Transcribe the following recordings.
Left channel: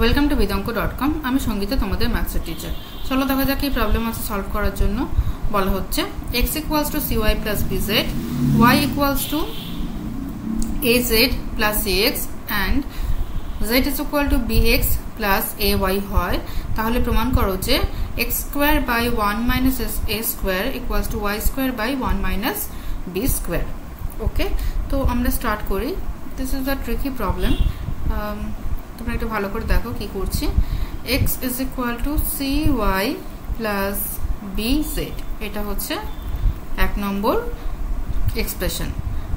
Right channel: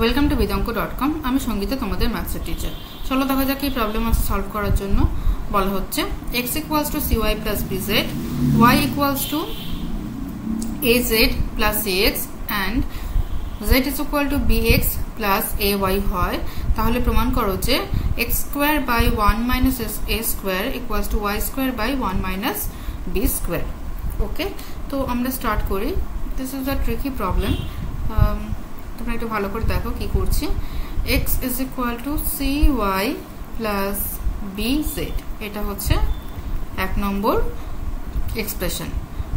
Welcome to bidanko.com। আমি সঙ্গীতা, তোমাদের ম্যাথসের teacher. চলো দেখা যাক এই প্রবলেম আছে সলভ করার জন্য। বলা হচ্ছে x equals to cy plus bz, y equals to az plus ax and z is equal to bx plus ay হয়, তাহলে প্রমাণ করো যে x square by 1 minus a square equals to y square by 1 minus b square। ওকে, তো আমরা start করি। This is a tricky problem. তোমরা একটু ভালো করে দেখো কি করছি। x is equal to cy plus bz, এটা হচ্ছে এক নম্বর এক্সপ্রেশন।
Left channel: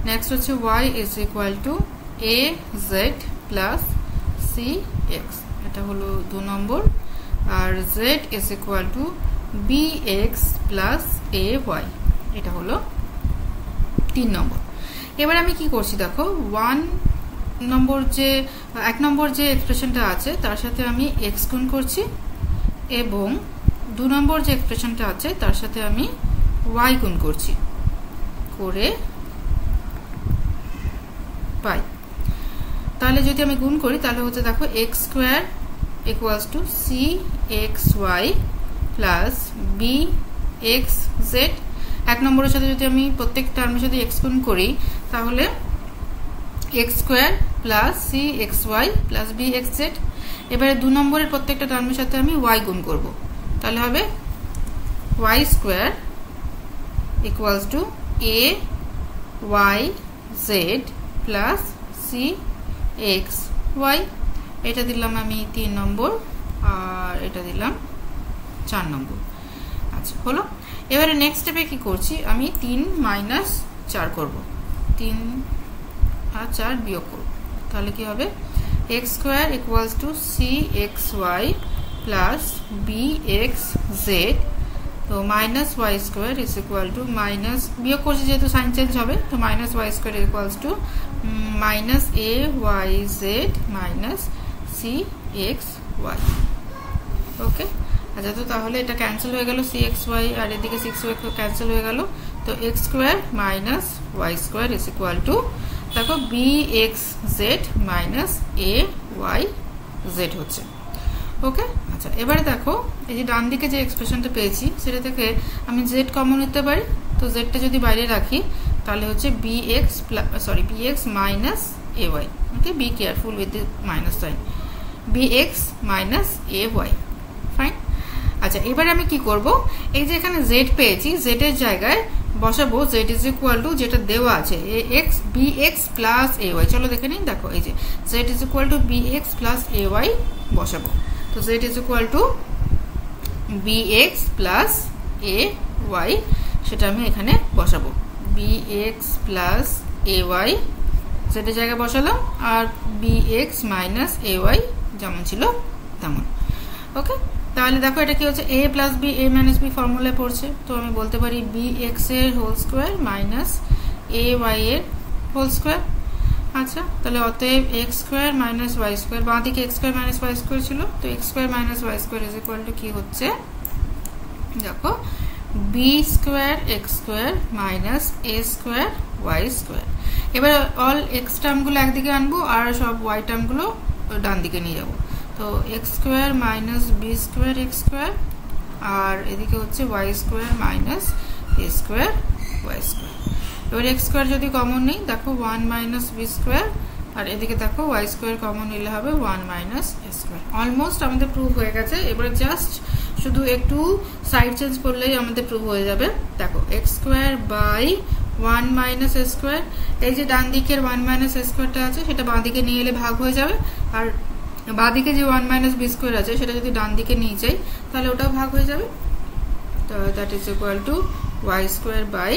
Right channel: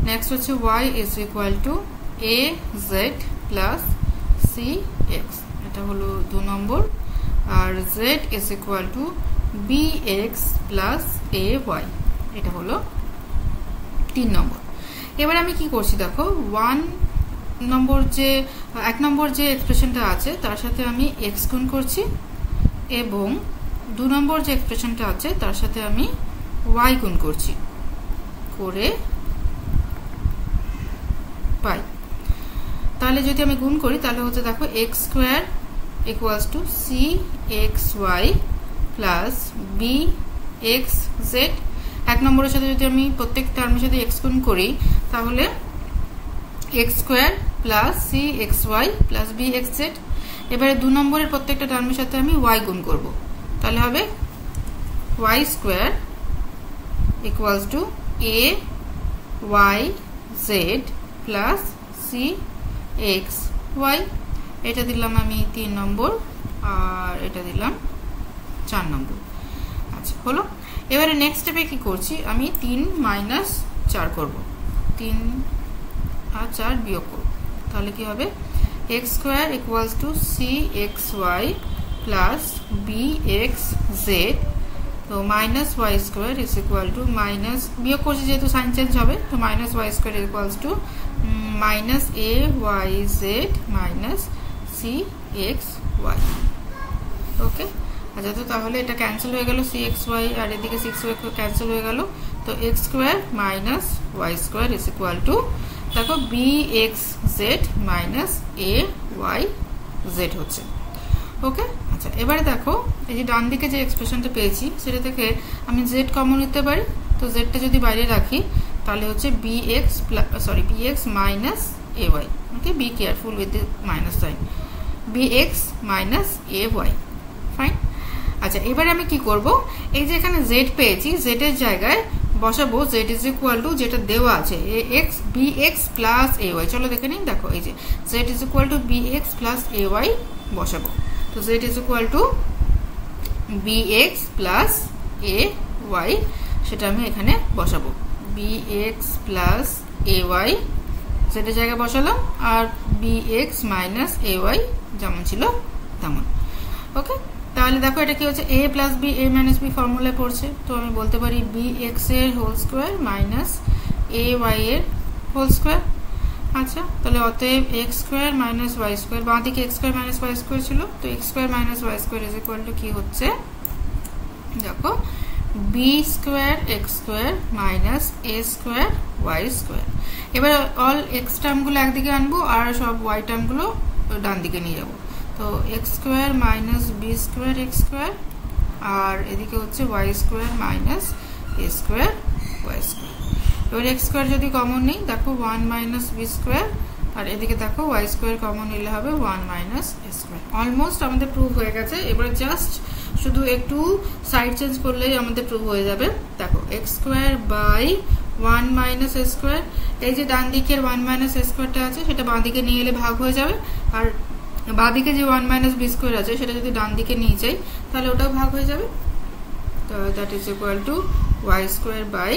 নেক্সট হচ্ছে y is equal to az plus cx, এটা হলো 2 নম্বর। আর z is equal to bx plus ay, এটা হলো 3 নম্বর। এবার আমি কি করছি দেখো, এক নম্বর যে এক্সপ্রেশনটা আছে তার সাথে আমি x গুণ করছি এবং 2 নম্বর যে এক্সপ্রেশনটা আছে তার সাথে আমি y গুণ করছি করে পাই। তাহলে যদি আমি গুণ করি তাহলে হচ্ছে দেখো x square equals to cxy plus bxz। এক নম্বরের সাথে যদি আমি প্রত্যেক টার্মের সাথে x গুণ করি তাহলে x square plus cxy plus bxz। এবারে 2 নম্বরের প্রত্যেকটা টার্মের সাথে আমি y গুণ করব, তাহলে হবে y square equals to ayz plus cxy। এটা দিলাম আমি 3 নম্বর আর এটা দিলাম 4 নম্বর। আচ্ছা হলো। এবারে নেক্সট স্টেপে কি করছি, আমি 3 মাইনাস 4 করব, 3 আর 4 বিয়োগ করব, তাহলে কি হবে x square equals to cxy plus bxz। তো minus y square is equal two minus, বিয়োগ করছি যেহেতু সাইন চেঞ্জ হবে, তো minus y square equals to minus ayz minus cxy। ওকে, আচ্ছা তো তাহলে এটা ক্যান্সেল হয়ে গেল, cxy আর এদিকে 6y ক্যান্সেল হয়ে গেল। তো x square minus y square is equal two দেখো bxz মাইনাস ayz হচ্ছে। ওকে, আচ্ছা এবারে দেখো এই যে ডান দিকে যে এক্সপ্রেশনটা পেয়েছি সেটা থেকে আমি z কমন নিতে পারি। তো z টা যদি বাইরে রাখি তাহলে হচ্ছে bx minus ay। Okay, be careful with the minus sine, bx minus ay। Fine. আচ্ছা এবারে আমি কি করব, এই যে এখানে z পেয়েছি, z এর জায়গায় বসাবো z ইজ ইকুয়াল টু যেটা দেওয়া আছে bx প্লাস ay। চলো দেখে নিন, দেখো এই যে z is equal two bx plus ay বসাবো। তো z is equal two bx plus ay, সেটা আমি এখানে বসাবো, bx প্লাস ay z এর জায়গায় বসালাম আর bx মাইনাস ay যেমন ছিল তেমন। ওকে, তাহলে দেখো এটা কি হচ্ছে a plus b a minus b ফর্মুলায় পড়ছে। তো আমি বলতে পারি bx এর হোল স্কয়ার মাইনাস ay এর হোল স্কয়ার। আচ্ছা তাহলে অতএব x square minus y square, বাঁ দিকে x square minus y square ছিল, তো x square minus y square is equal two কি হচ্ছে দেখো b square x square minus a square y square. এবার অল x টার্মগুলো একদিকে আনবো আর সব y টার্মগুলো ডান দিকে নিয়ে যাবো। তো x square minus b square x square আর এদিকে হচ্ছে y square minus a square y square. এবার x স্কয়ার যদি কমন নেই দেখো 1 মাইনাস b স্কয়ার আর এদিকে দেখো y স্কয়ার কমন নিলে হবে 1 মাইনাস a স্কয়ার। অলমোস্ট আমাদের প্রুফ হয়ে গেছে। এবারে জাস্ট শুধু একটু সাইড চেঞ্জ করলেই আমাদের প্রুফ হয়ে যাবে। দেখো x square by 1 minus a square, এই যে ডান দিকের 1 মাইনাস a স্কয়ারটা আছে সেটা বাঁ দিকে নিয়ে এলে ভাগ হয়ে যাবে, আর বাঁ দিকে যে 1 মাইনাস b স্কয়ার আছে সেটা যদি ডান দিকে নিয়ে যাই তাহলে ওটাও ভাগ হয়ে যাবে। তো that is equal to y square by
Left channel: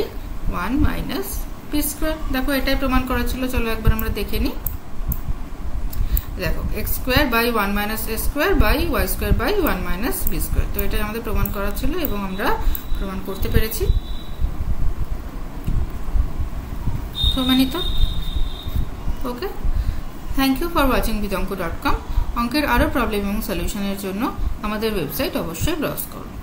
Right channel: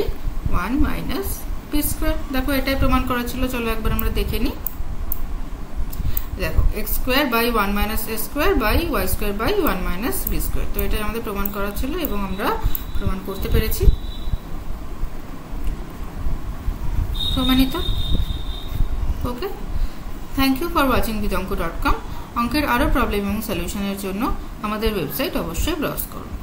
1 minus b square. দেখো এটাই প্রমাণ করা ছিল, চলো একবার আমরা দেখে নিই। দেখো x square by 1 minus a square by y square by 1 minus b square. তো এটাই আমাদের প্রমাণ করা ছিল এবং আমরা প্রমাণ করতে পেরেছি। প্রমাণিত। Okay, thank you for watching bidanko.com। অঙ্কের আরো প্রবলেম এবং সলিউশনের জন্য আমাদের ওয়েবসাইট অবশ্যই ব্রাউজ করুন।